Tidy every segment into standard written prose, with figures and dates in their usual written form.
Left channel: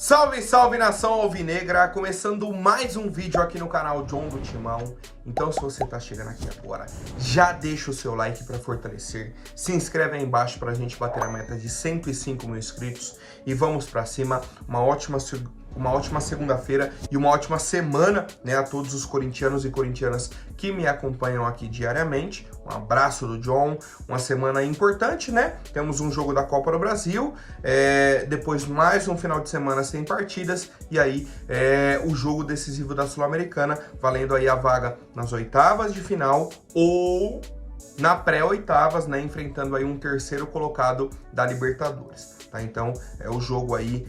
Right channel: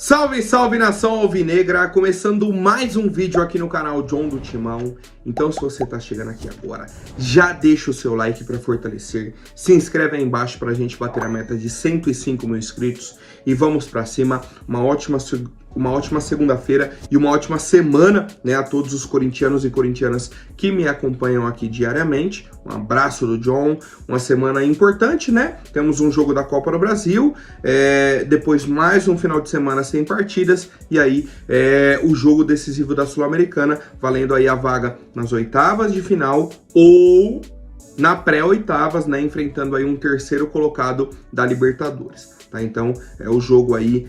Salve, salve nação alvinegra, começando mais um vídeo aqui no canal John do Timão. Então se você tá chegando aqui agora, já deixa o seu like para fortalecer, se inscreve aí embaixo pra gente bater a meta de 105 mil inscritos e vamos pra cima. Uma ótima segunda-feira e uma ótima semana, né, a todos os corintianos e corintianas que me acompanham aqui diariamente. Um abraço do John, uma semana importante, né? Temos um jogo da Copa do Brasil, depois mais um final de semana sem partidas, e aí o jogo decisivo da Sul-Americana, valendo aí a vaga nas oitavas de final ou na pré-oitavas, né, enfrentando aí um terceiro colocado da Libertadores, tá? Então é o jogo aí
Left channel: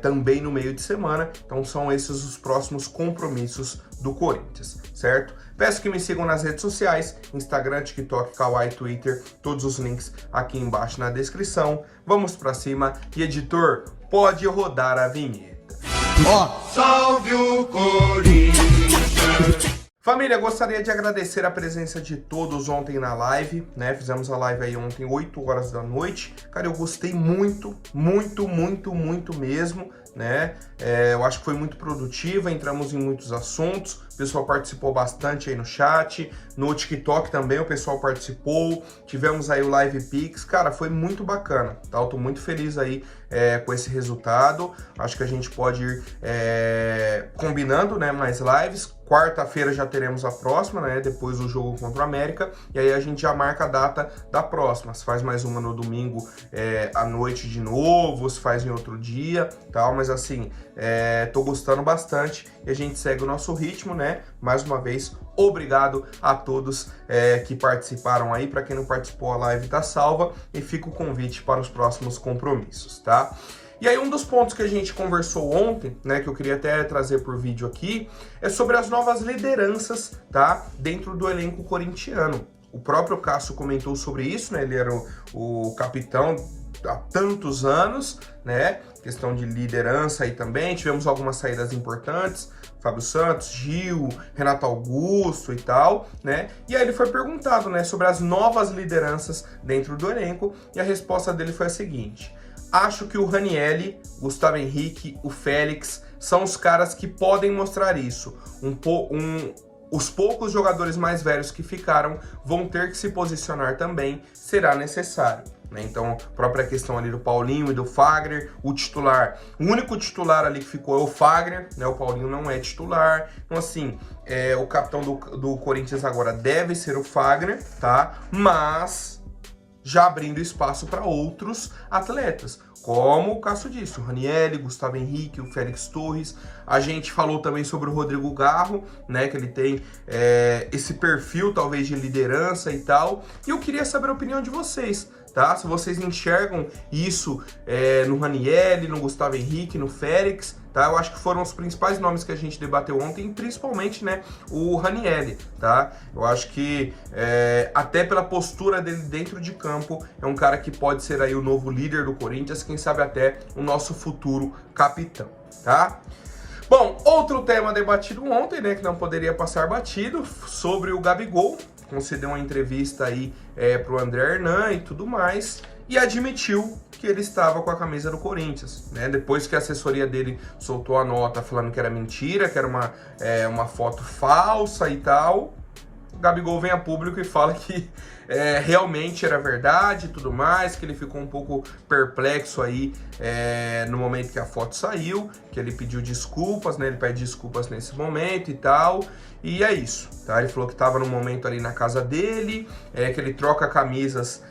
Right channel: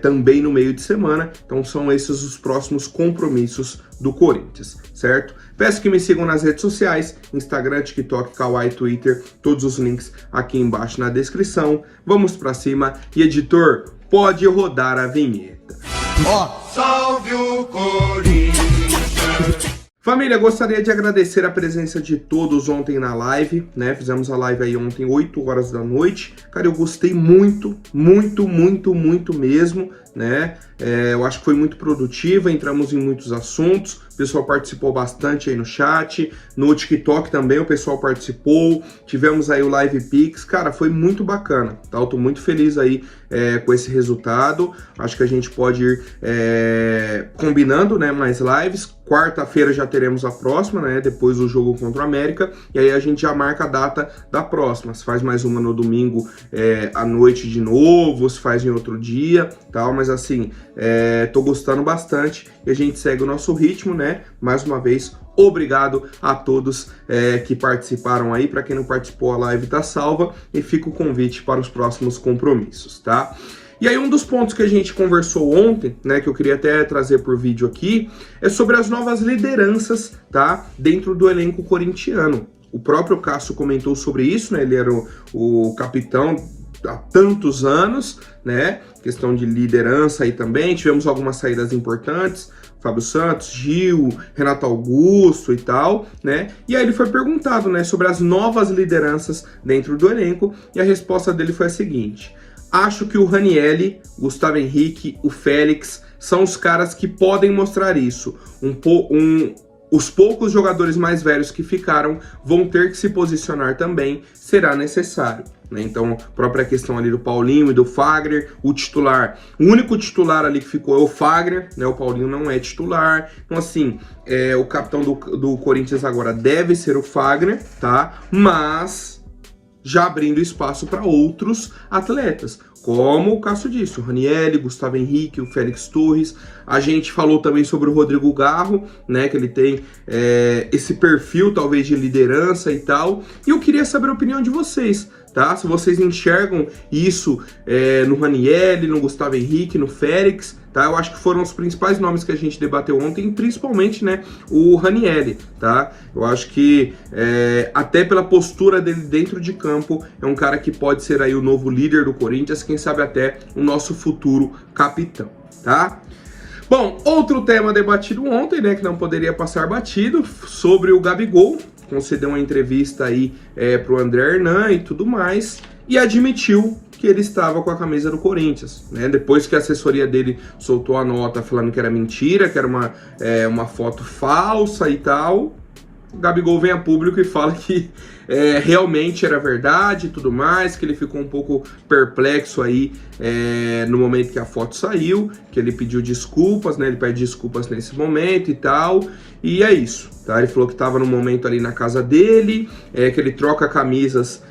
também no meio de semana, então são esses os próximos compromissos do Corinthians, certo? Peço que me sigam nas redes sociais, Instagram, TikTok, Kawaii, Twitter, todos os links aqui embaixo na descrição. Vamos pra cima e editor, pode rodar a vinheta. Salve o Corinthians! Família, gostaria de agradecer a presença de todos ontem na live, né? Fizemos a live aí ontem, 8 horas da noite. Cara, eu gostei muito mesmo, né? Eu acho que foi muito produtiva, entramos em muitos assuntos, o pessoal participou bastante aí no chat, no TikTok também o pessoal participou, tivemos aí o Live Pix, cara, foi muito bacana, tá? Eu tô muito feliz aí com esse resultado, acho que a gente pode ir combinando, né, mais lives. Quarta-feira já teremos a próxima, né, depois do jogo contra o América, e aí a gente já marca a data da próxima, se faz mais uma no domingo à noite de novo, se faz em outro dia, tal, mas assim, tô gostando bastante e a gente segue o nosso ritmo, né, mais uma vez, obrigado a todos que participaram aí. Para quem não participou, a live tá salva e fica o convite para os próximos compromissos, tá? E aí um dos pontos que a gente conversou ontem, né, que eu queria até trazer por vídeo aqui, é sobre as novas lideranças, tá, dentro do elenco corintiano. O próprio Cássio comentou sobre isso, né, ele era o capitão há tantos anos, né, questão de liderança aí também, tivemos algumas saídas importantes, Fábio Santos, Gil, Renato Augusto e tal, né? E aí ele foi perguntado, né, sobre as novas lideranças dentro do elenco, e a resposta dele foi a seguinte: acho que o Ranieri, Gustavo Henrique, o Félix são os caras que podem mostrar isso. Os poucos jogadores mais velhos que ficaram vão ter que se posicionar também, será necessário, né? Então, a própria questão ali do Paulinho e do Fagner, o único titular ali que ficou é o Fagner, né? O Paulinho não é titular, então assim, o capitão do Corinthians agora deve ser o Fagner, tá? Mas já abrindo espaço para outros atletas, como o Cássio disse, o Ranieri, Gustavo Henrique, o Félix Torres. A gente falou também sobre o Rodrigo Garro, né, que ele tem esse perfil talvez de liderança e tal, e eu queria saber a opinião de vocês, tá? Se vocês enxergam isso no Ranieri, no Gustavo Henrique, no Félix, tá? Eu acho que foram os principais nomes que a gente debateu ontem, principalmente, né, o Ranieri, tá? Eu acho que até pela postura dele dentro de campo, é um cara que pode ser aí o novo líder do Corinthians, quem sabe até o nosso futuro capitão, tá? Bom, outro tema debatido ontem, né, que não poderia passar batido, sobre o Gabigol, concedeu uma entrevista aí pro André Hernan e tudo mais, e admitiu que ele estava com a camisa do Corinthians, né? Depois que a assessoria dele soltou a nota falando que era mentira, que era uma foto falsa e tal, o Gabigol vem a público e fala que realmente era verdade e tudo mais, que ele ficou um pouco perplexo aí no momento que a foto saiu, que ele pediu desculpas, né? Ele pede desculpas nesse momento e tal, e é isso, tá? Ele falou que estava no momento ali na casa dele, que ele troca camisas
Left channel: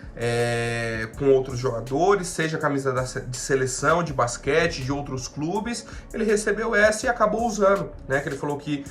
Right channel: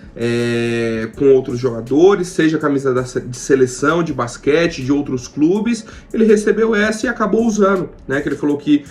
com outros jogadores, seja camisa de seleção, de basquete, de outros clubes, ele recebeu essa e acabou usando, né? Que ele falou que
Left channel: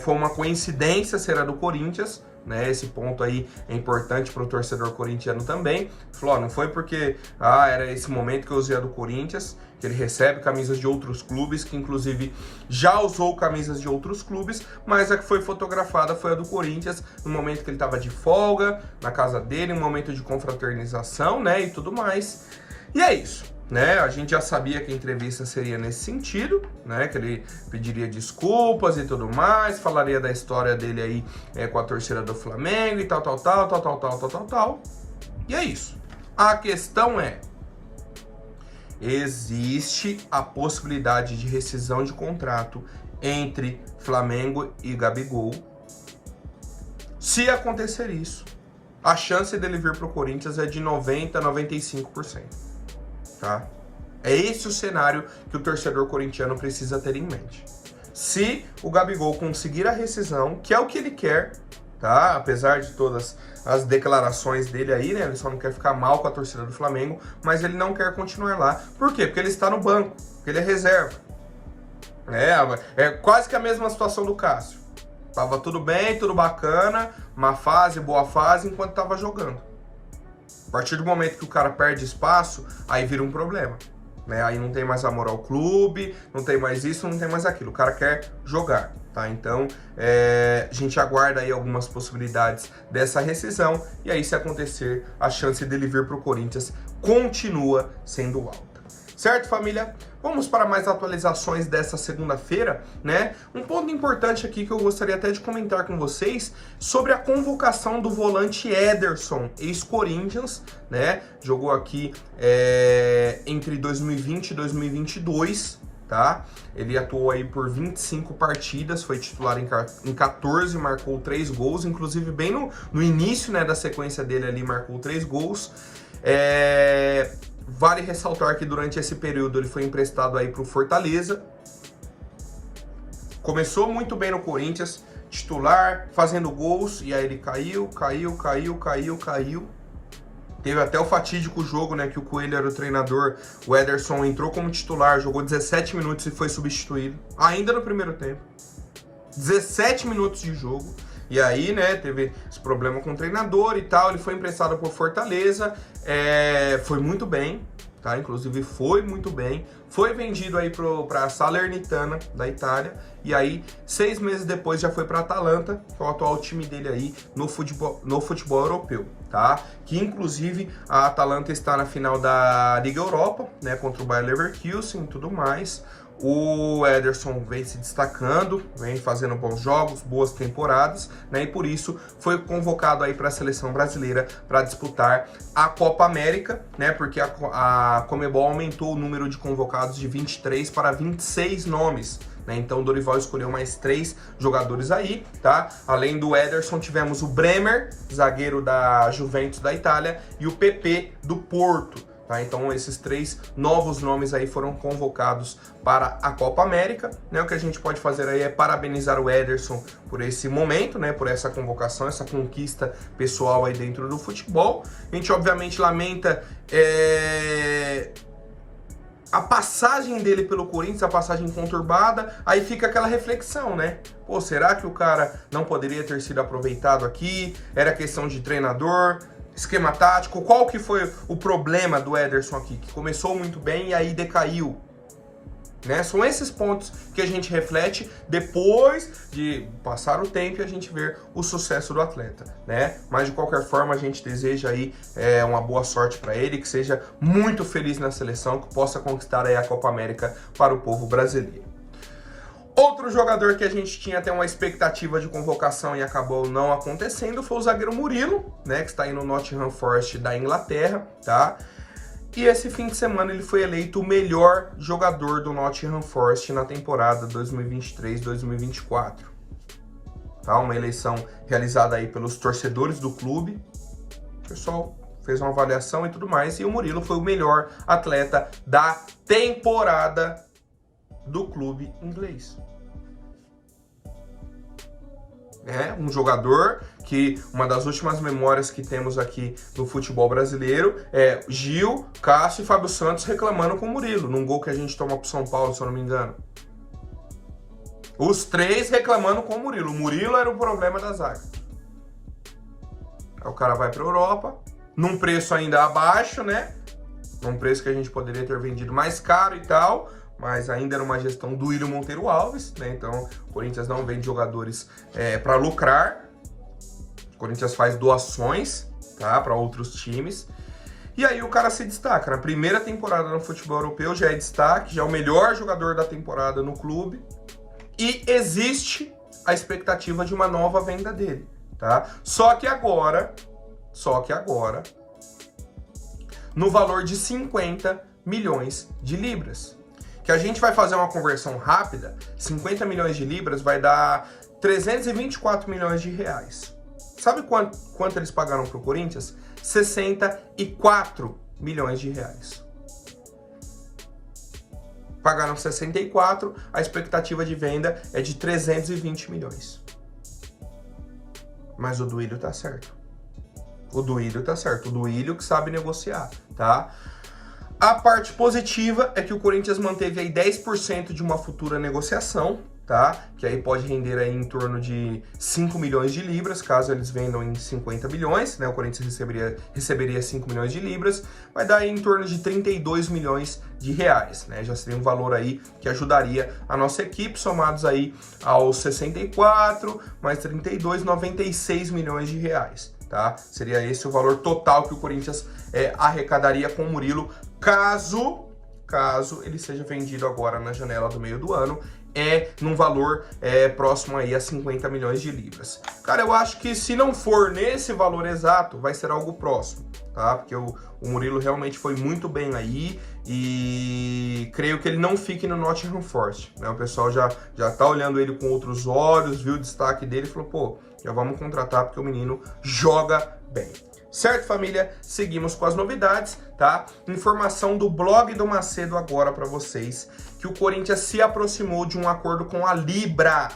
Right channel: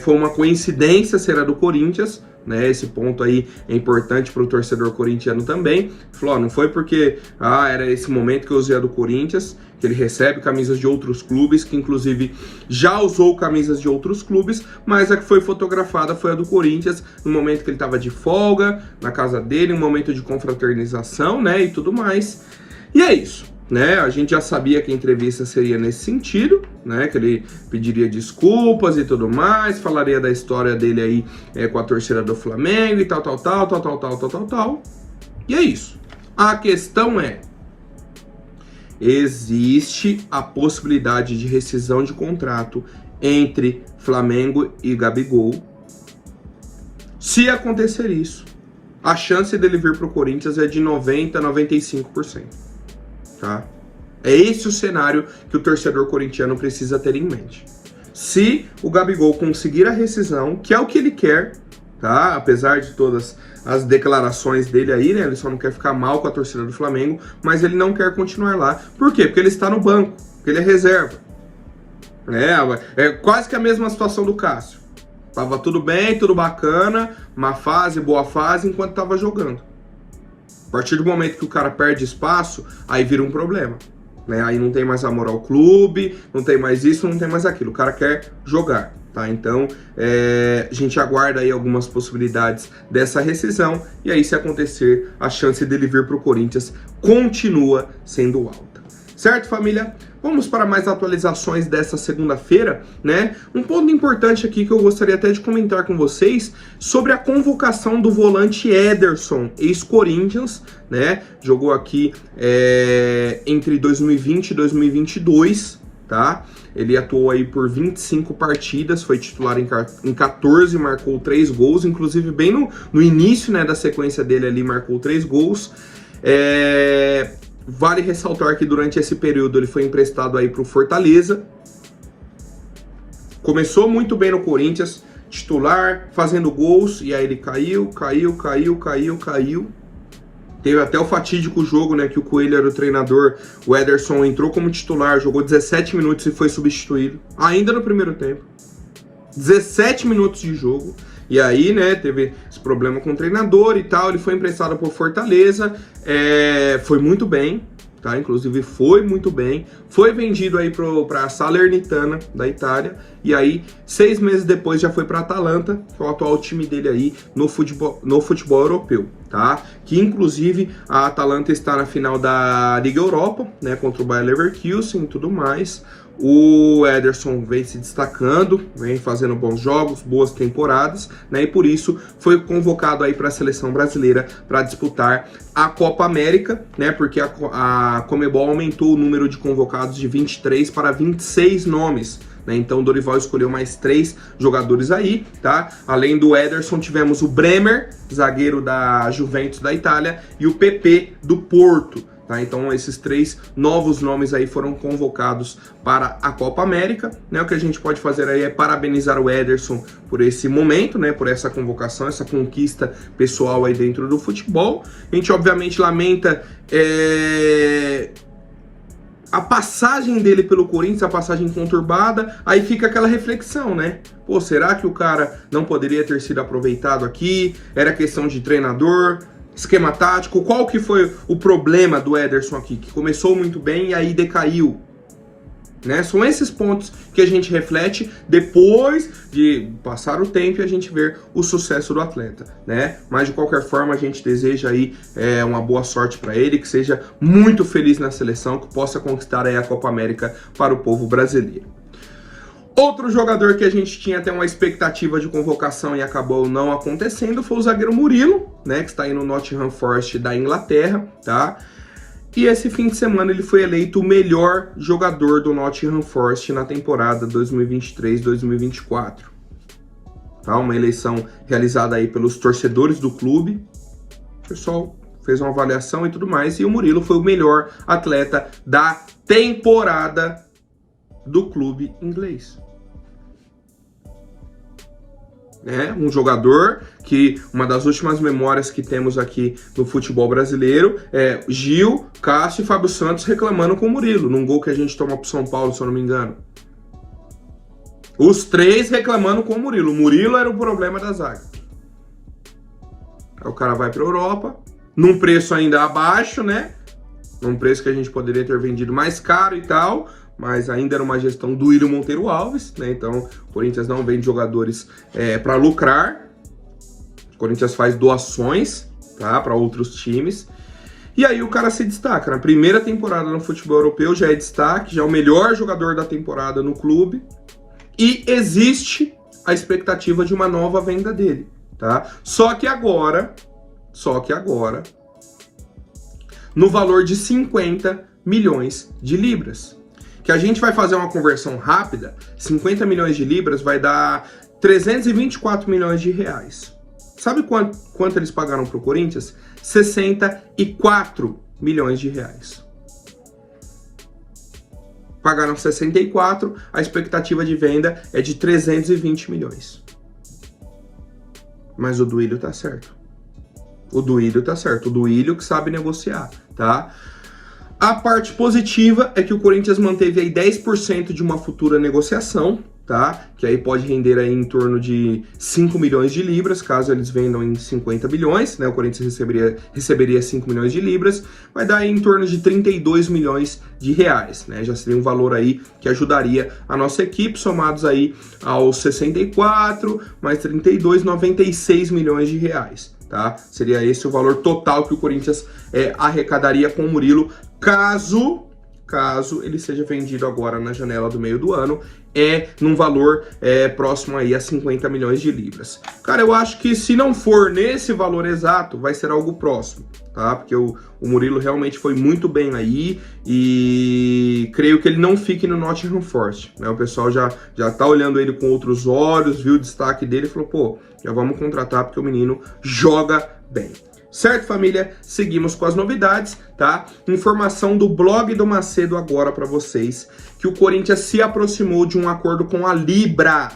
foi uma coincidência ser a do Corinthians, né? Esse ponto aí é importante para o torcedor corintiano também. Falou, não foi porque era esse momento que eu usei a do Corinthians, que ele recebe camisas de outros clubes, que inclusive já usou camisas de outros clubes, mas a que foi fotografada foi a do Corinthians, no momento que ele estava de folga, na casa dele, um momento de confraternização, né, e tudo mais. E é isso, né, a gente já sabia que a entrevista seria nesse sentido, né, que ele pediria desculpas e tudo mais, falaria da história dele aí com a torcida do Flamengo e tal. E é isso. A questão é, existe a possibilidade de rescisão de contrato entre Flamengo e Gabigol. Se acontecer isso, a chance dele vir para o Corinthians é de 90% a 95%. Tá? É esse o cenário que o torcedor corintiano precisa ter em mente. Se o Gabigol conseguir a rescisão, que é o que ele quer, tá? Apesar de todas as declarações dele aí, né? Ele só não quer ficar mal com a torcida do Flamengo, mas ele não quer continuar lá. Por quê? Porque ele está no banco, porque ele é reserva. É quase que a mesma situação do Cássio. Tava tudo bem, tudo bacana, má fase, boa fase, enquanto tava jogando. A partir do momento que o cara perde espaço, aí vira um problema. Né? Aí não tem mais amor ao clube, não tem mais isso, não tem mais aquilo. O cara quer jogar, tá? Então, a gente aguarda aí algumas possibilidades dessa rescisão. E aí, se acontecer, a chance dele vir pro Corinthians continua sendo alta. Certo, família? Vamos para mais atualizações dessa segunda-feira, né? Um ponto importante aqui que eu gostaria até de comentar com vocês sobre a convocação do volante Ederson, ex-Corinthians, né? Jogou aqui entre 2020 e 2022, tá? Ele atuou aí por 25 partidas, foi titular em 14, marcou 3 gols, inclusive bem no início, né, da sequência dele ali, marcou 3 gols. Vale ressaltar que durante esse período ele foi emprestado aí para o Fortaleza. Começou muito bem no Corinthians, titular, fazendo gols, e aí ele caiu. Teve até o fatídico jogo, né, que o Coelho era o treinador, o Ederson entrou como titular, jogou 17 minutos e foi substituído, ainda no primeiro tempo. 17 minutos de jogo. E aí, né, teve esse problema com o treinador e tal, ele foi emprestado por Fortaleza, foi muito bem, tá? Inclusive foi muito bem, foi vendido aí para a Salernitana da Itália, e aí 6 meses depois já foi para a Atalanta, que é o atual time dele aí no futebol europeu, tá? Que inclusive a Atalanta está na final da Liga Europa, né, contra o Bayer Leverkusen e tudo mais. O Ederson vem se destacando, vem fazendo bons jogos, boas temporadas, né? E por isso foi convocado aí para a seleção brasileira para disputar a Copa América, né? Porque a Conmebol aumentou o número de convocados de 23 para 26 nomes. Então o Dorival escolheu mais 3 jogadores aí, tá? Além do Ederson, tivemos o Bremer, zagueiro da Juventus da Itália, e o PP do Porto. Tá? Então esses 3 novos nomes aí foram convocados para a Copa América, né? O que a gente pode fazer aí é parabenizar o Ederson por esse momento, né? Por essa convocação, essa conquista pessoal aí dentro do futebol. A gente obviamente lamenta a passagem dele pelo Corinthians, a passagem conturbada, aí fica aquela reflexão, né? Pô, será que o cara não poderia ter sido aproveitado aqui? Era questão de treinador, esquema tático? Qual que foi o problema do Ederson aqui? Que começou muito bem e aí decaiu, né? São esses pontos que a gente reflete depois de passar o tempo e a gente ver o sucesso do atleta, né? Mas de qualquer forma a gente deseja aí uma boa sorte para ele, que seja muito feliz na seleção, que possa conquistar aí a Copa América para o povo brasileiro. Outro jogador que a gente tinha até uma expectativa de convocação e acabou não acontecendo foi o zagueiro Murilo, né? Que está aí no Nottingham Forest da Inglaterra, tá? E esse fim de semana ele foi eleito o melhor jogador do Nottingham Forest na temporada 2023-2024. Tá? Uma eleição realizada aí pelos torcedores do clube. O pessoal fez uma avaliação e tudo mais, e o Murilo foi o melhor atleta da temporada do clube inglês. Um jogador que uma das últimas memórias que temos aqui no futebol brasileiro é Gil, Cássio e Fábio Santos reclamando com o Murilo, num gol que a gente toma pro São Paulo, se eu não me engano. Os 3 reclamando com o Murilo. O Murilo era o problema da zaga. Aí o cara vai pra Europa, num preço ainda abaixo, né? Num preço que a gente poderia ter vendido mais caro e tal, mas ainda era uma gestão do Willian Monteiro Alves, né? Então o Corinthians não vende jogadores para lucrar. O Corinthians faz doações, tá, para outros times. E aí o cara se destaca. Na primeira temporada no futebol europeu já é destaque, já é o melhor jogador da temporada no clube. E existe a expectativa de uma nova venda dele, tá? Só que agora, no valor de 50 milhões de libras. Que a gente vai fazer uma conversão rápida, 50 milhões de libras vai dar 324 milhões de reais. Sabe quanto eles pagaram para o Corinthians? 64 milhões de reais. Pagaram 64, a expectativa de venda é de 320 milhões. Mas o Duílio tá certo. O Duílio tá certo. O Duílio que sabe negociar, tá? A parte positiva é que o Corinthians manteve aí 10% de uma futura negociação, tá? Que aí pode render aí em torno de 5 milhões de libras, caso eles vendam em 50 bilhões, né? O Corinthians receberia 5 milhões de libras, vai dar aí em torno de 32 milhões de reais, né? Já seria um valor aí que ajudaria a nossa equipe, somados aí aos 64, mais 32, 96 milhões de reais, tá? Seria esse o valor total que o Corinthians arrecadaria com o Murilo, caso ele seja vendido agora na janela do meio do ano, num valor próximo aí a 50 milhões de libras. Cara, eu acho que se não for nesse valor exato, vai ser algo próximo, tá? Porque o Murilo realmente foi muito bem aí e creio que ele não fique no Nottingham Forest, né? O pessoal já tá olhando ele com outros olhos, viu o destaque dele e falou, pô, já vamos contratar porque o menino joga bem. Certo, família? Seguimos com as novidades, tá? Informação do blog do Macedo agora para vocês, que o Corinthians se aproximou de um acordo com a Libra,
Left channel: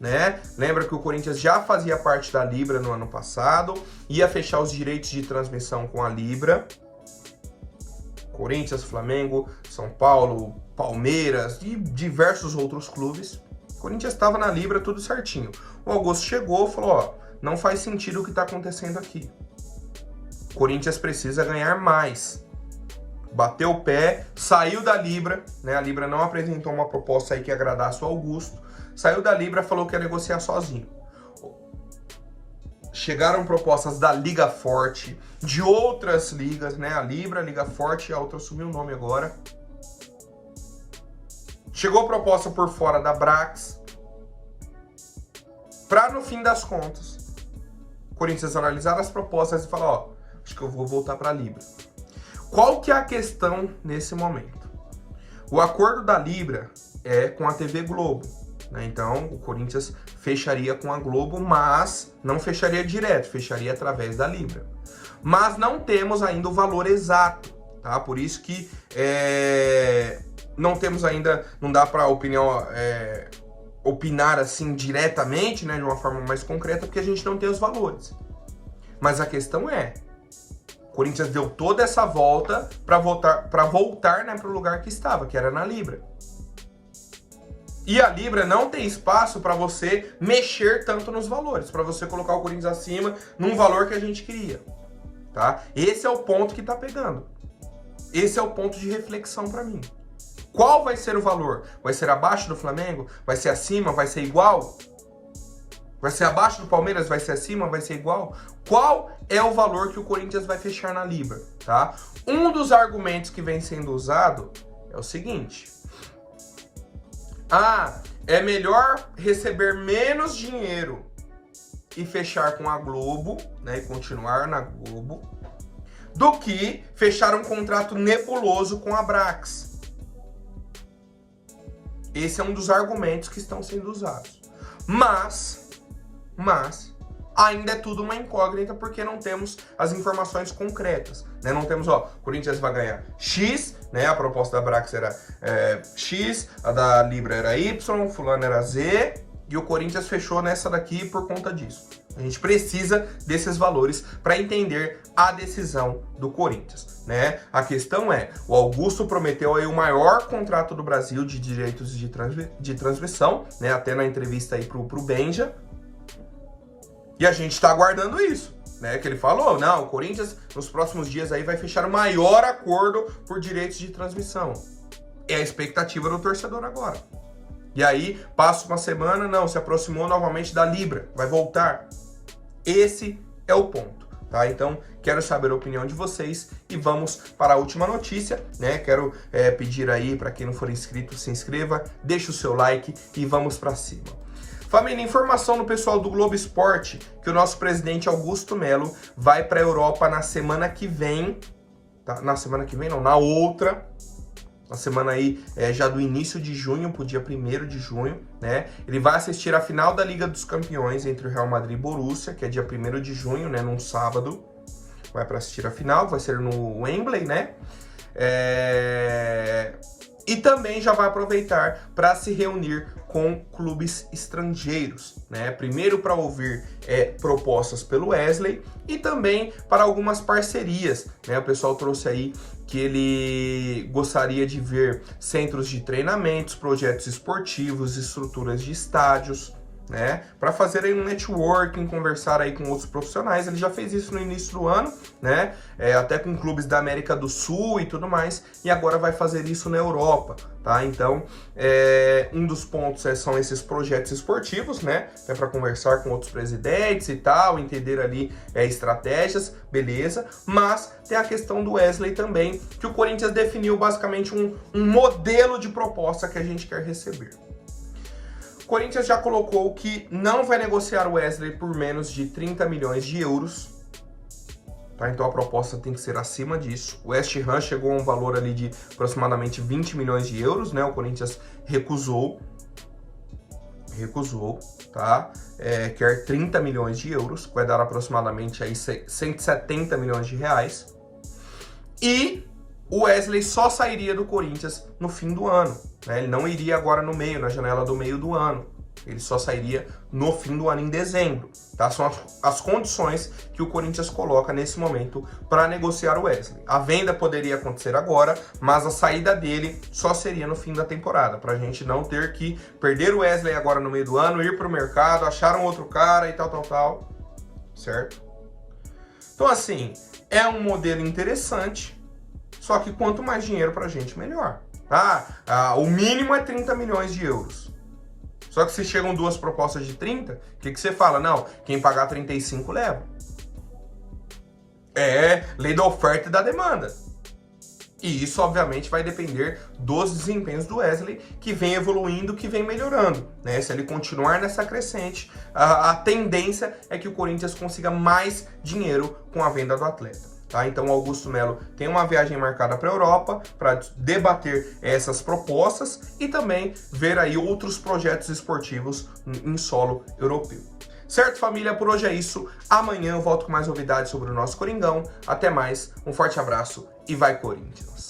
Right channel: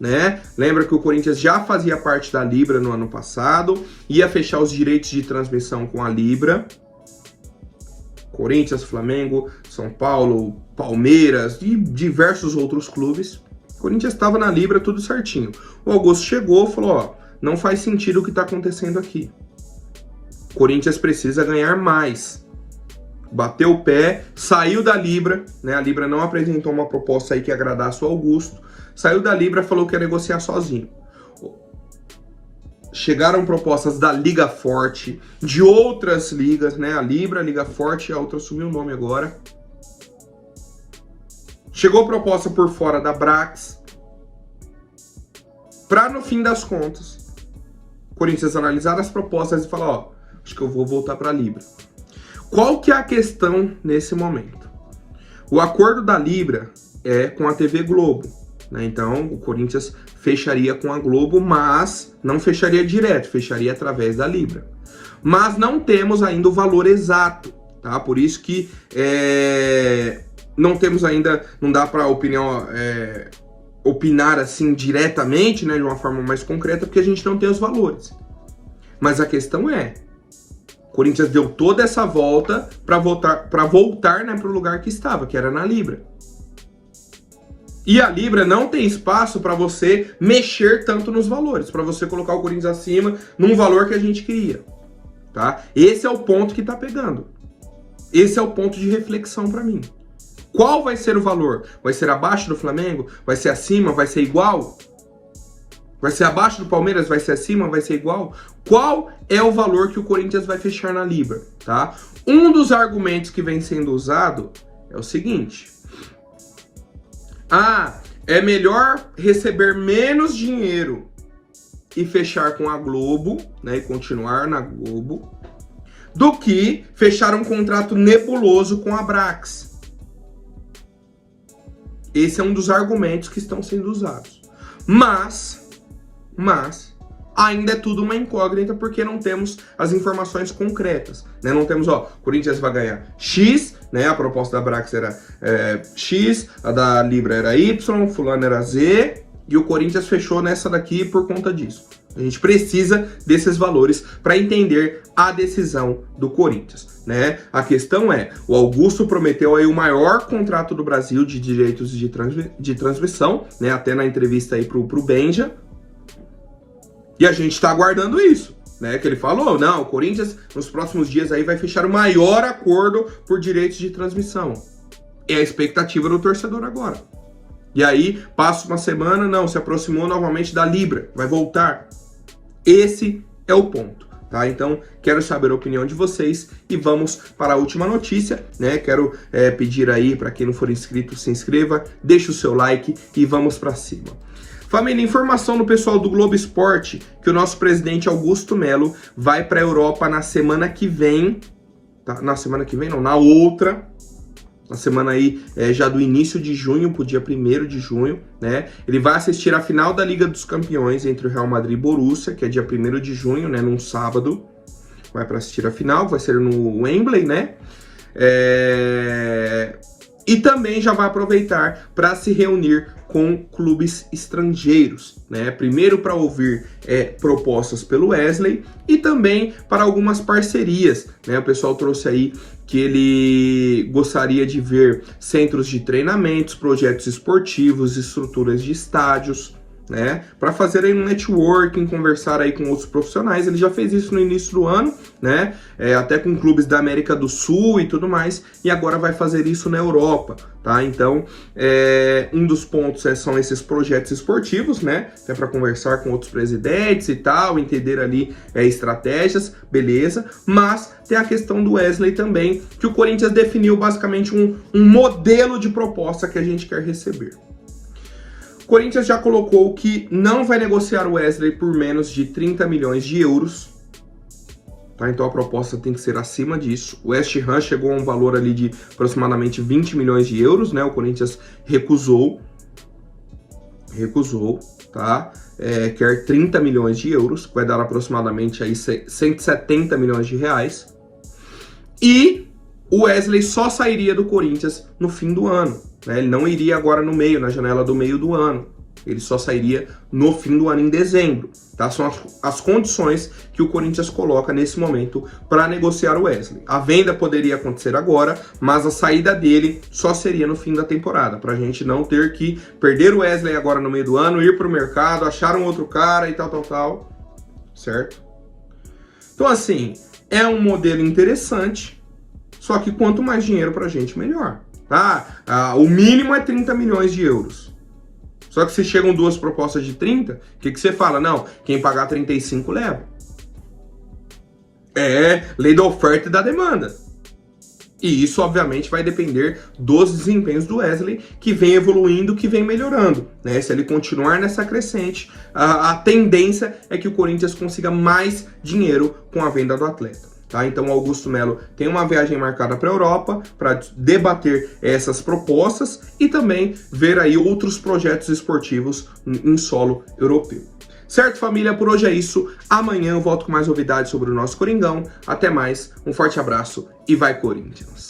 né? Lembra que o Corinthians já fazia parte da Libra no ano passado, ia fechar os direitos de transmissão com a Libra. Corinthians, Flamengo, São Paulo, Palmeiras e diversos outros clubes. O Corinthians estava na Libra, tudo certinho. O Augusto chegou e falou, ó, não faz sentido o que está acontecendo aqui. Corinthians precisa ganhar mais. Bateu o pé, saiu da Libra, né? A Libra não apresentou uma proposta aí que agradasse o Augusto. Saiu da Libra, falou que ia negociar sozinho. Chegaram propostas da Liga Forte, de outras ligas, né? A Libra, a Liga Forte, a outra sumiu o nome agora. Chegou proposta por fora da Brax. Pra, no fim das contas, o Corinthians analisar as propostas e falar, ó, acho que eu vou voltar para a Libra. Qual que é a questão nesse momento? O acordo da Libra é com a TV Globo, né? Então, o Corinthians fecharia com a Globo, mas não fecharia direto, fecharia através da Libra. Mas não temos ainda o valor exato, tá? Por isso que não temos ainda, não dá para opinar assim diretamente, né, de uma forma mais concreta, porque a gente não tem os valores. Mas a questão o Corinthians deu toda essa volta para voltar, né, para o lugar que estava, que era na Libra. E a Libra não tem espaço para você mexer tanto nos valores, para você colocar o Corinthians acima num valor que a gente queria, tá? Esse é o ponto que tá pegando. Esse é o ponto de reflexão para mim. Qual vai ser o valor? Vai ser abaixo do Flamengo? Vai ser acima? Vai ser igual? Vai ser abaixo do Palmeiras? Vai ser acima? Vai ser igual? Qual é o valor que o Corinthians vai fechar na Libra, tá? Um dos argumentos que vem sendo usado é o seguinte. É melhor receber menos dinheiro e fechar com a Globo, né, e continuar na Globo, do que fechar um contrato nebuloso com a Brax. Esse é um dos argumentos que estão sendo usados. Mas ainda é tudo uma incógnita porque não temos as informações concretas, né? Não temos, ó, Corinthians vai ganhar X, né? A proposta da Brax era X, a da Libra era Y, fulano era Z, e o Corinthians fechou nessa daqui por conta disso. A gente precisa desses valores para entender a decisão do Corinthians, né? A questão o Augusto prometeu aí o maior contrato do Brasil de direitos de transmissão, né? Até na entrevista aí pro Benja. E a gente tá aguardando isso, né? Que ele falou, não, o Corinthians nos próximos dias aí vai fechar o maior acordo por direitos de transmissão. É a expectativa do torcedor agora. E aí, passa uma semana, não, se aproximou novamente da Libra, vai voltar. Esse é o ponto, tá? Então, quero saber a opinião de vocês e vamos para a última notícia, né? Quero pedir aí, para quem não for inscrito, se inscreva, deixa o seu like e vamos para cima. Família, informação do pessoal do Globo Esporte que o nosso presidente Augusto Melo vai para a Europa na semana que vem tá? Na semana que vem, não, na outra. Na semana aí já do início de junho, pro dia 1º de junho, né? Ele vai assistir a final da Liga dos Campeões entre o Real Madrid e Borussia, que é dia 1º de junho, né? Num sábado. Vai para assistir a final, vai ser no Wembley, né? E também já vai aproveitar para se reunir com clubes estrangeiros, né? Primeiro para ouvir propostas pelo Wesley e também para algumas parcerias, né? O pessoal trouxe aí que ele gostaria de ver centros de treinamentos, projetos esportivos, estruturas de estádios, né, para fazer aí um networking, conversar aí com outros profissionais. Ele já fez isso no início do ano, né, até com clubes da América do Sul e tudo mais, e agora vai fazer isso na Europa, tá? Então, um dos pontos são esses projetos esportivos, né, é para conversar com outros presidentes e tal, entender ali estratégias, beleza, mas tem a questão do Wesley também, que o Corinthians definiu basicamente um modelo de proposta que a gente quer receber. O Corinthians já colocou que não vai negociar o Wesley por menos de 30 milhões de euros. Tá? Então a proposta tem que ser acima disso. O West Ham chegou a um valor ali de aproximadamente 20 milhões de euros, né? O Corinthians recusou, tá? Quer 30 milhões de euros, que vai dar aproximadamente aí 170 milhões de reais. E o Wesley só sairia do Corinthians no fim do ano, né? Ele não iria agora no meio, na janela do meio do ano. Ele só sairia no fim do ano, em dezembro, tá? São as condições que o Corinthians coloca nesse momento para negociar o Wesley. A venda poderia acontecer agora, mas a saída dele só seria no fim da temporada, para a gente não ter que perder o Wesley agora no meio do ano, ir para o mercado, achar um outro cara e tal, certo? Então, assim, é um modelo interessante, só que quanto mais dinheiro pra gente, melhor. O mínimo é 30 milhões de euros. Só que se chegam duas propostas de 30, o que você fala? Não, quem pagar 35 leva. É lei da oferta e da demanda. E isso, obviamente, vai depender dos desempenhos do Wesley, que vem evoluindo, que vem melhorando, né? Se ele continuar nessa crescente, a tendência é que o Corinthians consiga mais dinheiro com a venda do atleta. Tá? Então o Augusto Melo tem uma viagem marcada para a Europa para debater essas propostas e também ver aí outros projetos esportivos em solo europeu. Certo, família? Por hoje é isso. Amanhã eu volto com mais novidades sobre o nosso Coringão. Até mais, um forte abraço e vai Corinthians!